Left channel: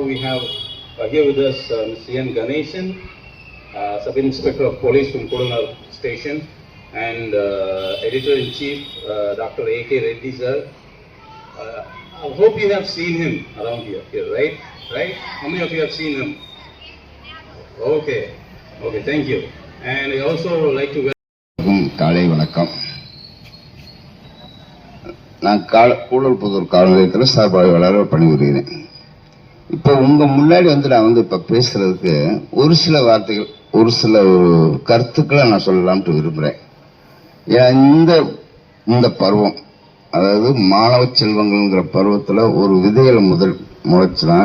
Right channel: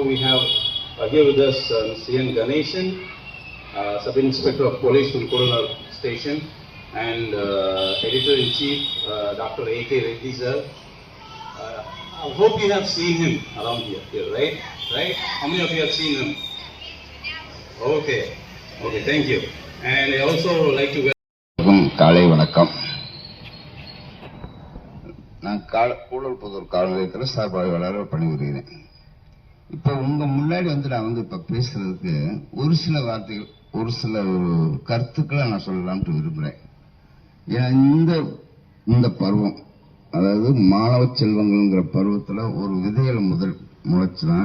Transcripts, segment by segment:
now we have uh, here with us uh, Mr. N. Ganeshan, uh, Sub Inspector of Police from Kodanar Station, and uh, Editor in Chief uh, Dr. A.K. Reddy sir. Uh, I hope you have seen him around here, here, right? Right? How many of you have seen him? Okay. Okay, thank you. And I also like to அனைவருக்கும் காலை வணக்கம் நான் கால கூடல்புதூர் காவல் நிலையத்தில் சார்பாளராக பணிபுரிகிறேன் இப்போ உங்க முன்னாடி வந்து நான் வந்து இப்ப பேசுறதுக்கு ஒரு சில வார்த்தைகள் ஒரு சில ஒரு கருத்துக்களை நான் சொல்லலாம்னு விரும்புகிறேன் ஏன் இந்த இந்த பருவம் அதாவது மாணவ செல்வங்கள்ங்கிற பருவத்தில் ஒரு விதைகளை முதல் முளைச்சினா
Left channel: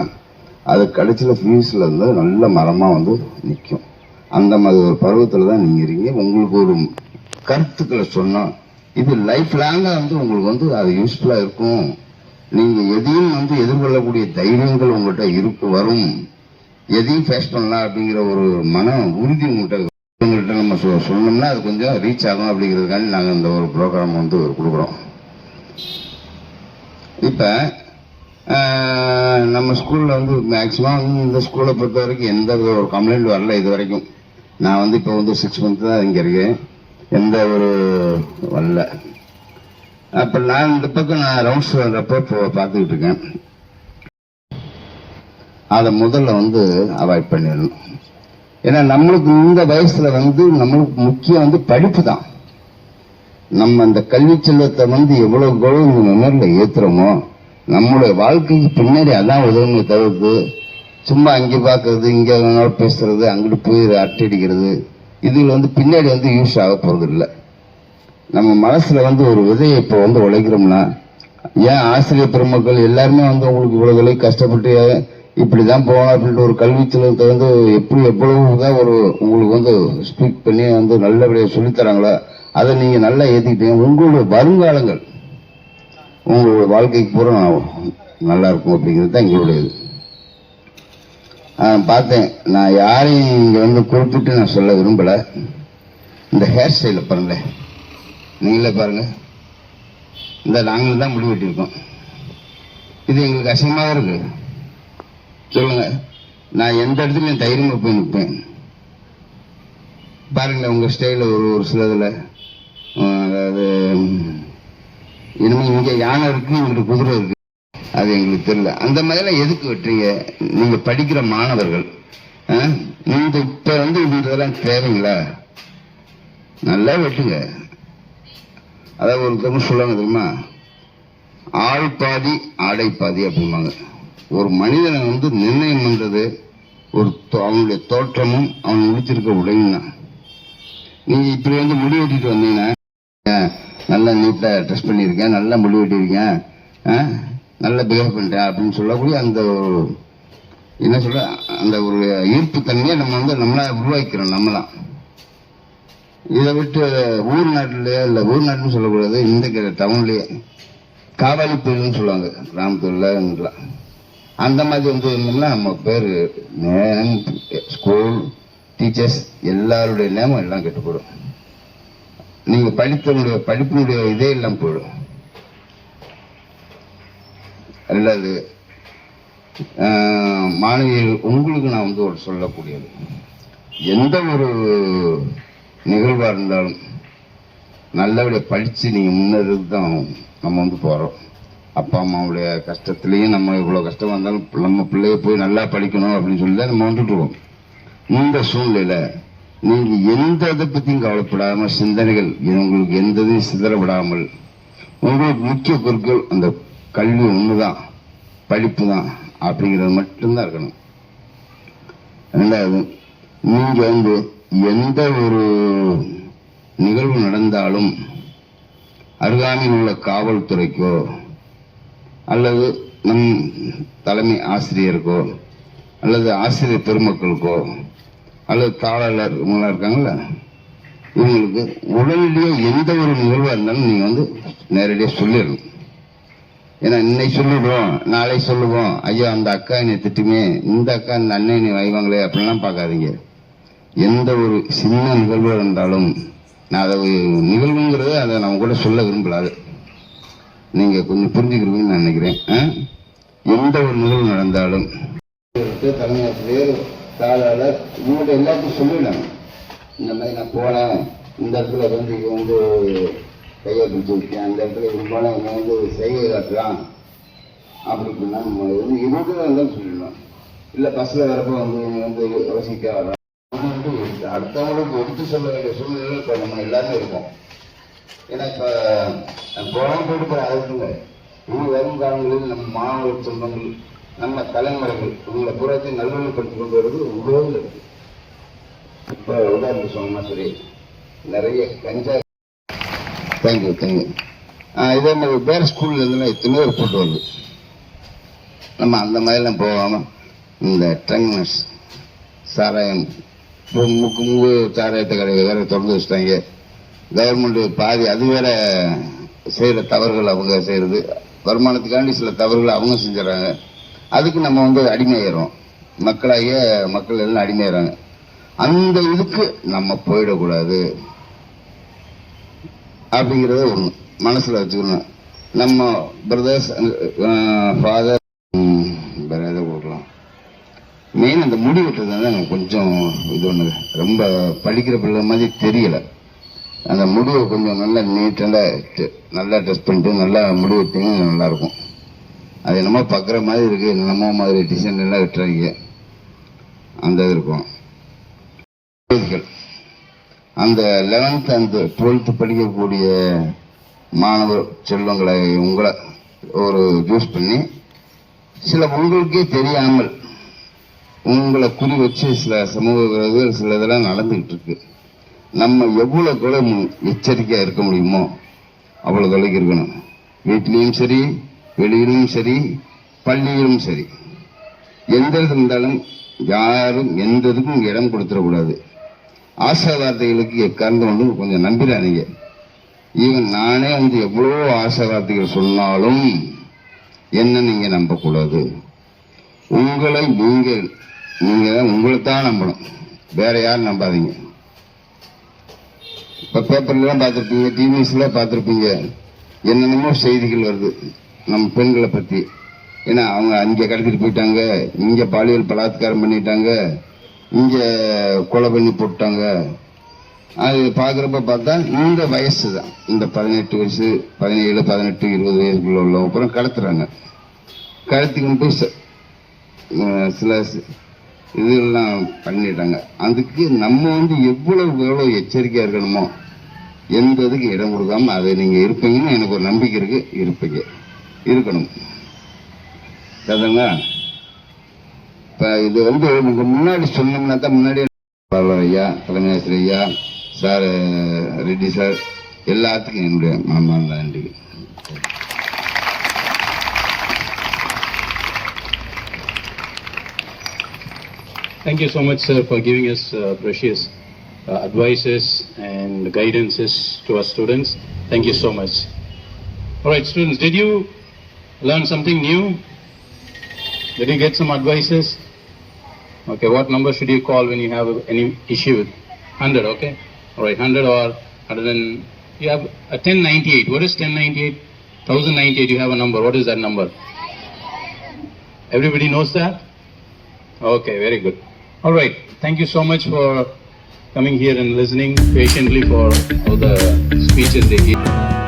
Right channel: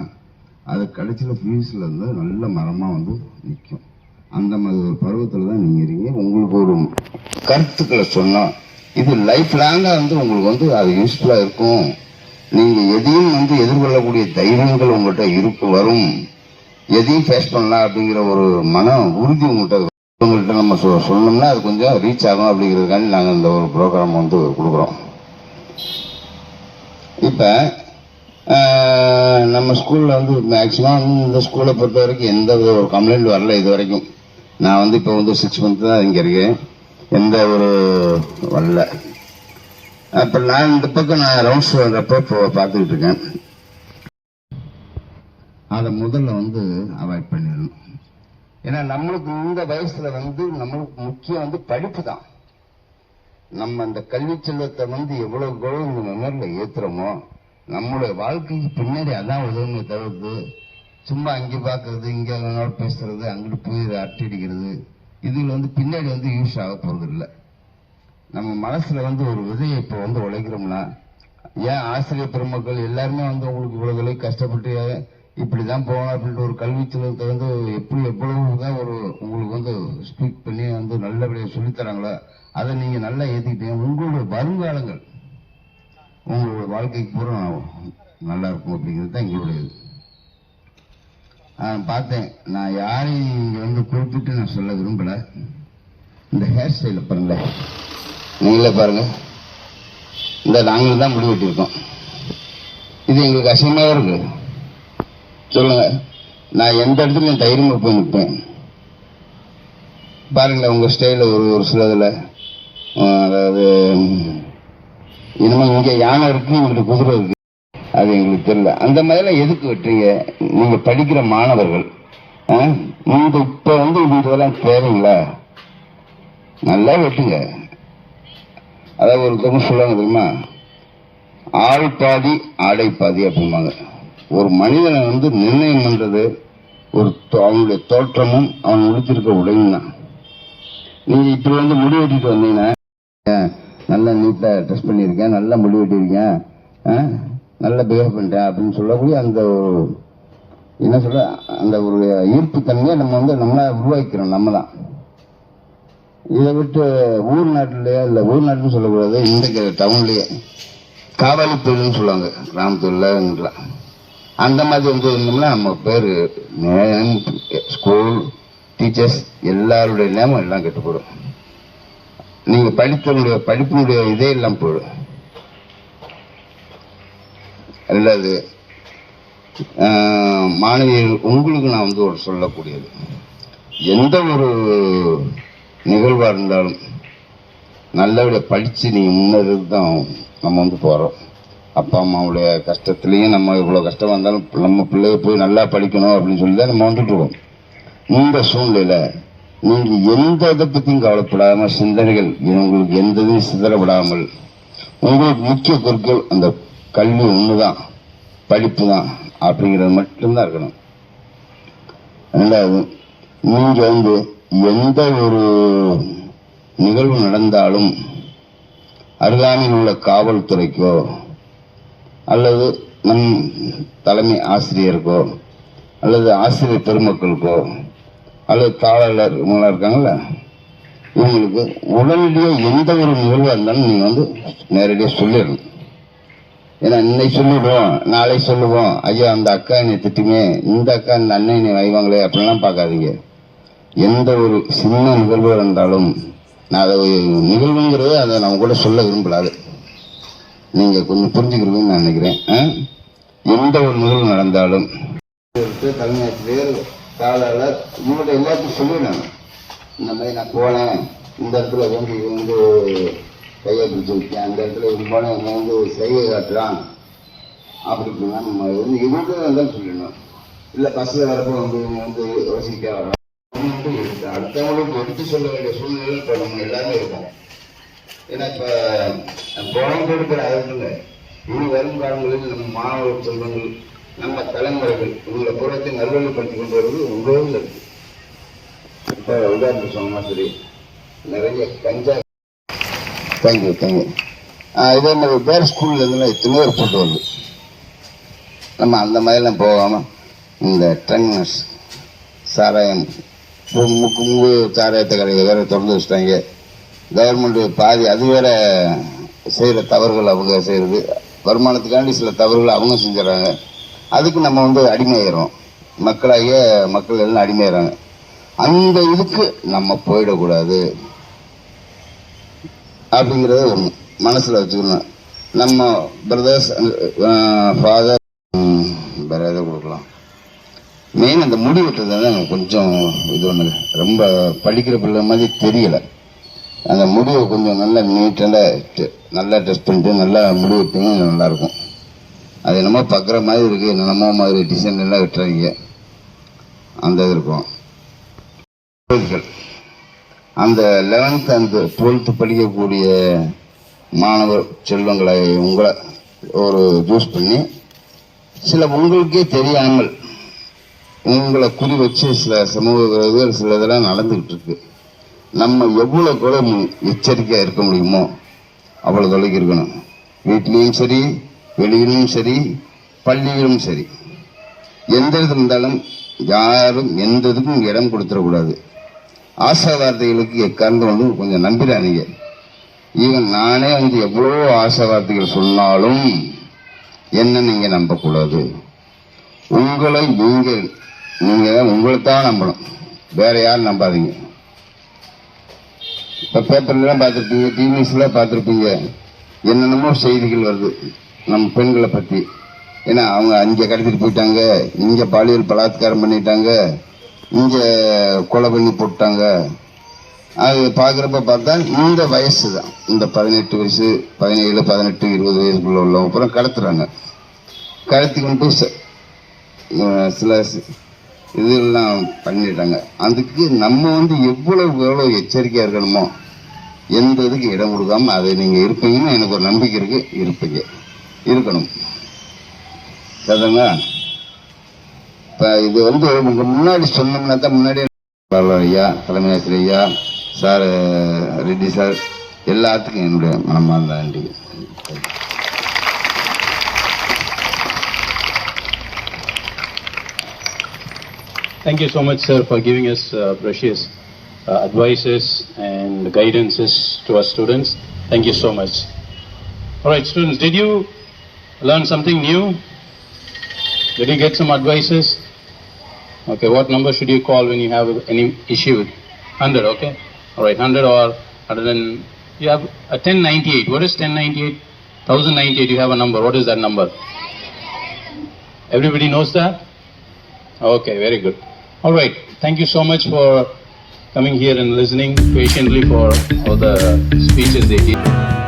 அது கடைசியில் ஃபியூஸில் வந்து நல்ல மரமாக வந்து நிற்கும் அந்த மாதிரி ஒரு பருவத்தில் தான் நீங்கள் இருக்கீங்க. உங்களுக்கு ஒரு கருத்துக்களை சொன்னால் இது லைஃப் லாங்காக வந்து உங்களுக்கு வந்து அது யூஸ்ஃபுல்லாக இருக்கும். நீங்கள் எதையும் வந்து எதிர்கொள்ளக்கூடிய தைரியங்கள் உங்கள்கிட்ட இருக்கு வரும். எதையும் ஃபேஸ் பண்ணலாம் அப்படிங்கிற ஒரு மன உறுதி உங்கள்கிட்ட உங்கள்கிட்ட நம்ம சொ சொன்னோம்னா அது கொஞ்சம் ரீச் ஆகும் அப்படிங்கிறதுக்காண்டி நாங்கள் இந்த ஒரு ப்ரோக்ராம் வந்து கொடுக்குறோம். இப்போ நம்ம ஸ்கூலில் வந்து மேக்ஸிமம் இந்த ஸ்கூலை பொறுத்த வரைக்கும் எந்த ஒரு கம்ப்ளைண்ட் வரல இது வரைக்கும். நான் வந்து இப்போ வந்து சிக்ஸ் மந்த் தான் இங்கே இருக்கேன். எந்த ஒரு வரல. அப்போ நான் இந்த பக்கம் நான் ரவுண்ட்ஸ் வர்றப்போ இப்போ பார்த்துக்கிட்டு இருக்கேன். அதை முதல்ல வந்து அவாய்ட் பண்ணிடணும். ஏன்னா நம்மளுக்கு இந்த வயசுல வந்து நம்மளுக்கு முக்கியம் வந்து படிப்பு தான். நம்ம அந்த கல்வி செல்வத்தை வந்து எவ்வளவு கௌரவ மெமரியில் ஏத்துறோமோ நம்மளுடைய வாழ்க்கைக்கு பின்னாடி அதான் உதவுமே தவிர்த்து சும்மா அங்கே பார்க்கறது இங்கே வேணாலும் பேசுறது அங்கிட்டு போய் அட்டடிக்கிறது இதுல வந்து பின்னாடி வந்து யூஸ் ஆக போறது இல்லை நம்ம மனசுல வந்து ஒரு விதையை இப்போ வந்து உழைக்கிறோம்னா ஏன் ஆசிரியர் பெருமக்கள் எல்லாருமே வந்து உங்களுக்கு இவ்வளவு விலை கஷ்டப்பட்டு இப்படிதான் போகணும் அப்படின்ட்டு ஒரு கல்வி செல்வத்தை வந்து எப்படி எவ்வளவுதான் ஒரு உங்களுக்கு வந்து ஸ்பீக் பண்ணி வந்து நல்லபடியாக சொல்லித்தராங்களோ அதை நீங்க நல்லா ஏத்திக்கிட்டீங்க. உங்களுடைய வருங்காலங்கள் உங்களுடைய வாழ்க்கைக்கு பூரா நல்லா இருக்கும் அப்படிங்கிறது தான் எங்களுடைய இது பார்த்தேன் நான் யாரையும் இங்க வந்து குறிப்பிட்டு நான் சொல்ல விரும்பல. இந்த ஹேர் ஸ்டைல பாருங்களேன். நீங்களே பாருங்க. இந்த நாங்களும் தான் முடிவெட்டிருக்கோம் இது எங்களுக்கு அசிங்கமாக இருக்கு சொல்லுங்க. நான் எந்த இடத்துலையும் தைரியமாக போய் நிற்பேன். பாருங்களேன் உங்கள் ஸ்டைலில் ஒரு ஒரு சில ஆஹ் அதாவது இனிமேல் இங்கே யானை இருக்குது இவங்களுக்கு குதிரை இருக்கு. அது எங்களுக்கு தெரியல. அந்த மாதிரிலாம் எதுக்கு வெட்டுறீங்க? நீங்கள் படிக்கிற மாணவர்கள். ஆ? இந்த இப்போ வந்து இந்த இதெல்லாம் தேவைங்களா? நல்லா வெட்டுங்க. அதாவது ஒருத்தவங்க சொல்லுவாங்க தெரியுமா? ஆள் பாதி ஆடை பாதி அப்படிம்பாங்க. ஒரு மனிதனை வந்து நிர்ணயம் பண்றது ஒரு தோ- அவனுடைய தோற்றமும் அவன் உடுத்திருக்க உடையும் தான். நீங்க இப்படி வந்து முடி வெட்டிட்டு வந்தீங்கன்னா நல்லா நீட்டா ட்ரெஸ் பண்ணியிருக்கேன் நல்லா முடி வெட்டியிருக்கேன் நல்லா பிஹேவ் பண்றேன் அப்படின்னு சொல்லக்கூடிய அந்த ஒரு என்ன சொல்ல அந்த ஒரு ஈர்ப்பு தன்மையை நம்ம வந்து நம்மளா உருவாக்கிறோம் நம்ம தான் இதை விட்டு ஊர் நாட்டிலேயே இல்லை ஊர் நாட்டுன்னு சொல்லக்கூடாது இந்த டவுன்லேயே. காவாலி தொழில்னு சொல்லுவாங்க கிராமத்துல அந்த மாதிரி வந்து இருந்தோம்னா நம்ம பேர் ஸ்கூல் டீச்சர்ஸ் எல்லாருடைய நேமம் எல்லாம் கெட்டு போயிடும் நீங்க படித்தவங்களுடைய படிப்பினுடைய இதே எல்லாம் போயிடும். ரெண்டாவது மாணவியர்கள் உங்களுக்கு நான் வந்து ஒரு சொல்லக்கூடியது. எந்த ஒரு நிகழ்வாக இருந்தாலும் நல்லபடியாக படித்து நீங்கள் முன்னேறது தான் நம்ம வந்து போகிறோம் அப்பா அம்மாவுடைய கஷ்டத்துலேயும் நம்ம இவ்வளோ கஷ்டம் வந்தாலும் நம்ம பிள்ளைய போய் நல்லா படிக்கணும் அப்படின்னு சொல்லி தான் நம்ம வந்துட்டு இந்த சூழ்நிலையில் நீங்கள் எந்த இதை பற்றியும் கவலைப்படாமல் சிந்தனைகள் உங்களுக்கு எந்த இதையும் சிதறப்படாமல் உங்களுக்கு முக்கிய குறிக்கோள் அந்த கல்வி ஒன்று தான் படிப்பு தான் அப்படிங்கிறது மட்டும்தான் இருக்கணும். ரெண்டாவது நீங்க வந்து எந்த ஒரு நிகழ்வு நடந்தாலும் அருகாமையில் உள்ள காவல்துறைக்கோ அல்லது நம் தலைமை ஆசிரியருக்கோ அல்லது ஆசிரியர் பெருமக்களுக்கோ அல்லது தாளர் இவங்களாம் இருக்காங்கல்ல இவங்களுக்கு உடனடியாக எந்த ஒரு நிகழ்வாக இருந்தாலும் நீங்கள் வந்து நேரடியாக சொல்லிடணும். ஏன்னா இன்னைக்கு சொல்லிடுவோம் நாளை சொல்லுவோம். ஐயா அந்த அக்கா என்னை திட்டுமே இந்த அக்கா இந்த அண்ணன் என்னை வைவாங்களே அப்படிலாம் பார்க்காதீங்க. எந்த ஒரு சின்ன நிகழ்வு இருந்தாலும் நான் அதை ஒரு நிகழ்வுங்கிறத அதை நான் கூட சொல்ல விரும்பலாது. அது கொஞ்சம் புரிஞ்சுக்கிறீங்கன்னு நான் நினைக்கிறேன். ஆ? எந்த ஒரு நிகழ்வு நடந்தாலும். இருக்கு, தலைமை தாளாளர் இவங்கள்ட்ட எல்லாத்தையும் சொல்லிடணும். இந்த மாதிரி நான் போனேன் இந்த இடத்துல வந்து வந்து கையை பிடிச்சி விட்டேன் அந்த இடத்துல இவங்க போனேன் இவன் வந்து செய்கை காட்டுறான். அப்படி இப்படின்னா நம்ம வந்து இவங்க தான் சொல்லிடணும். இல்லை பஸ்ஸில் வரப்போ வந்து வந்து யோசிக்க வரோம் இவன் வந்து அடுத்தவங்களுக்கு எடுத்து சொல்ல வேண்டிய சூழ்நிலை இப்போ நம்ம எல்லாமே இருக்கோம். ஏன்னா இப்போ குழந்தை கொடுக்குற அதுக்குள்ள இனி வரும் காலங்களில் நம்ம மாணவ செல்வங்கள் நம்ம தலைமுறைகள் உங்களை புறத்தை நல்வழிப்படுத்தி கொண்டு வருவது உலகில் இருக்கு. இப்போ உதாரணத்துக்கு சொன்னா சரி நிறைய கஞ்சா தேங்க்யூ தேங்க்யூ இதே மாதிரி வேறு ஸ்கூல்ல இருந்துலாம் எத்தனையோ ரிப்போர்ட் வருது நம்ம அந்த மாதிரிலாம் போகாமல் இந்த ட்ரங்னஸ் சாராயம் முக்கு முங்கு சாராயத்தை கடையை வேற திறந்து வச்சுட்டாங்க. கவர்மெண்ட் பாதி அது வேற செய்கிற தவறுகள் அவங்க செய்கிறது வருமானத்துக்காண்டி சில தவறுகள் அவங்க செஞ்சிடறாங்க. அதுக்கு நம்ம வந்து அடிமையாகிறோம் மக்களாகிய மக்கள் எல்லாம் அடிமையாகிறாங்க அந்த இதுக்கு நம்ம போயிடக்கூடாது. அப்படிங்கிறத ஒன்று மனசில் வச்சுக்கணும். நம்ம பிரதர்ஸ் ஃபாதர் மெயின் அந்த முடி வெட்டுறது தான் கொஞ்சம் இது ஒன்று ரொம்ப படிக்கிற பிள்ளை மாதிரி தெரியலை. அந்த முடிவை கொஞ்சம் நல்லா நீட்டாக நல்லா ட்ரெஸ் பண்ணிட்டு நல்லா முடி வெட்டிங்கன்னா நல்லா இருக்கும். அது என்னமோ பார்க்குற மாதிரி இருக்குது என்னமோ மாதிரி டிசைன் எல்லாம் வெட்டுறாங்க. அந்த இது இருக்கும். அந்த லெவன்த் அண்ட் டுவெல்த்து படிக்கக்கூடிய மாணவர் செல்வங்களை உங்களை ஒரு ஜூஸ் பண்ணி சில உங்களுக்கே தெரியாமல் உங்களை குறி வச்சு சில சமூக விரோதிகள் சில இதெல்லாம் நடந்துகிட்டு இருக்கு நம்ம எவ்வளவு கூட எச்சரிக்கையாக எச்சரிக்கையா இருக்க முடியுமோ அவ்வளவு தொலைக்கு இருக்கணும். வீட்லேயும் சரி வெளியிலும் சரி பள்ளியிலும் சரி. எந்த இடத்துல இருந்தாலும் யாரும் எந்த இதுக்கும் இடம் கொடுத்துடக்கூடாது. ஆசா வார்த்தைகளுக்கு எக்காரணம் வந்து கொஞ்சம் நம்பிடாதீங்க. ஈவன் நானே வந்து எவ்வளோ ஆசாவார்த்தைகள் சொன்னாலும் என்ன நீங்கள் நம்பக்கூடாது. உங்களை நீங்கள் நீங்க உங்களை தான் நம்பணும். வேற யாரும் நம்பாதீங்க. இப்ப பேப்பர்லாம் பார்த்துருப்பீங்க டிவிஸ்ல பார்த்துருப்பீங்க. என்னென்னமோ செய்திகள் வருது நம்ம பெண்களை பத்தி. ஏன்னா அவங்க அங்க கடத்திட்டு போயிட்டாங்க இங்க பாலியல் பலாத்காரம் பண்ணிட்டாங்க இங்க கொலை பண்ணி போட்டாங்க. அது பார்க்குறப்ப பார்த்தா இந்த வயசு தான். இந்த பதினெட்டு வயசு பதினேழு பதினெட்டு இருபது வயசுக்குள்ள உள்ளவங்க அப்புறம் கடத்துறாங்க. கடத்தி கொண்டு போய் சில இதெல்லாம் பண்ணிட்டாங்க. அதுக்கு நம்ம வந்து எவ்வளவு எவ்வளவு எச்சரிக்கையா இருக்கணுமோ எந்த இதுக்கு இடம் கொடுக்காம அதை நீங்க இருப்பீங்கன்னு எனக்கு ஒரு நம்பிக்கை இருக்கு. இருப்பீங்க. இருக்கணும். சரிங்களா இப்ப இது வந்து உங்களுக்கு முன்னாடி சொன்னோம்னா தான் முன்னாடி ஐயா தலைமை ஆசிரியர் ஐயா சார் ரெட்டி சார் எல்லாத்துக்கும் என்னுடைய மனமார்ந்த நன்றி Thank you so much, sir, for giving us uh, precious uh, advices and guidances to our students. Thank you so much. All right, students, did you learn something new? Did you get some advices? Okay, what number should you call when you have any issue with 100, okay? All right, 100 or 100 and you have a 1098. What is 1098? 1098, you have a number. What is that number? Everybody knows that? Okay, very good. All right. Thank you so much for coming here and listening patiently for all the speeches they gave.